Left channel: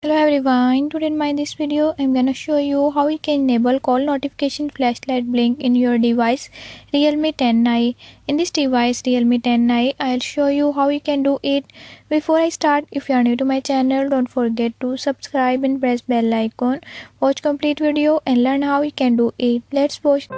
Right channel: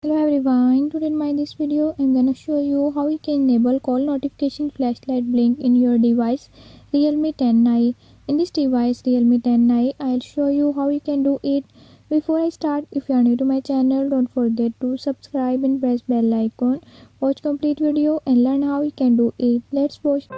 Hello everyone, today in this video I'm gonna show you how you can enable call notification flashlight blink in your device Realme 10i. In this device Realme 10i, I'll show you how you can do it. Before I start, if you are new to my channel, don't forget to subscribe and press bell icon. Watch complete video and learn how you can do it. Let's watch.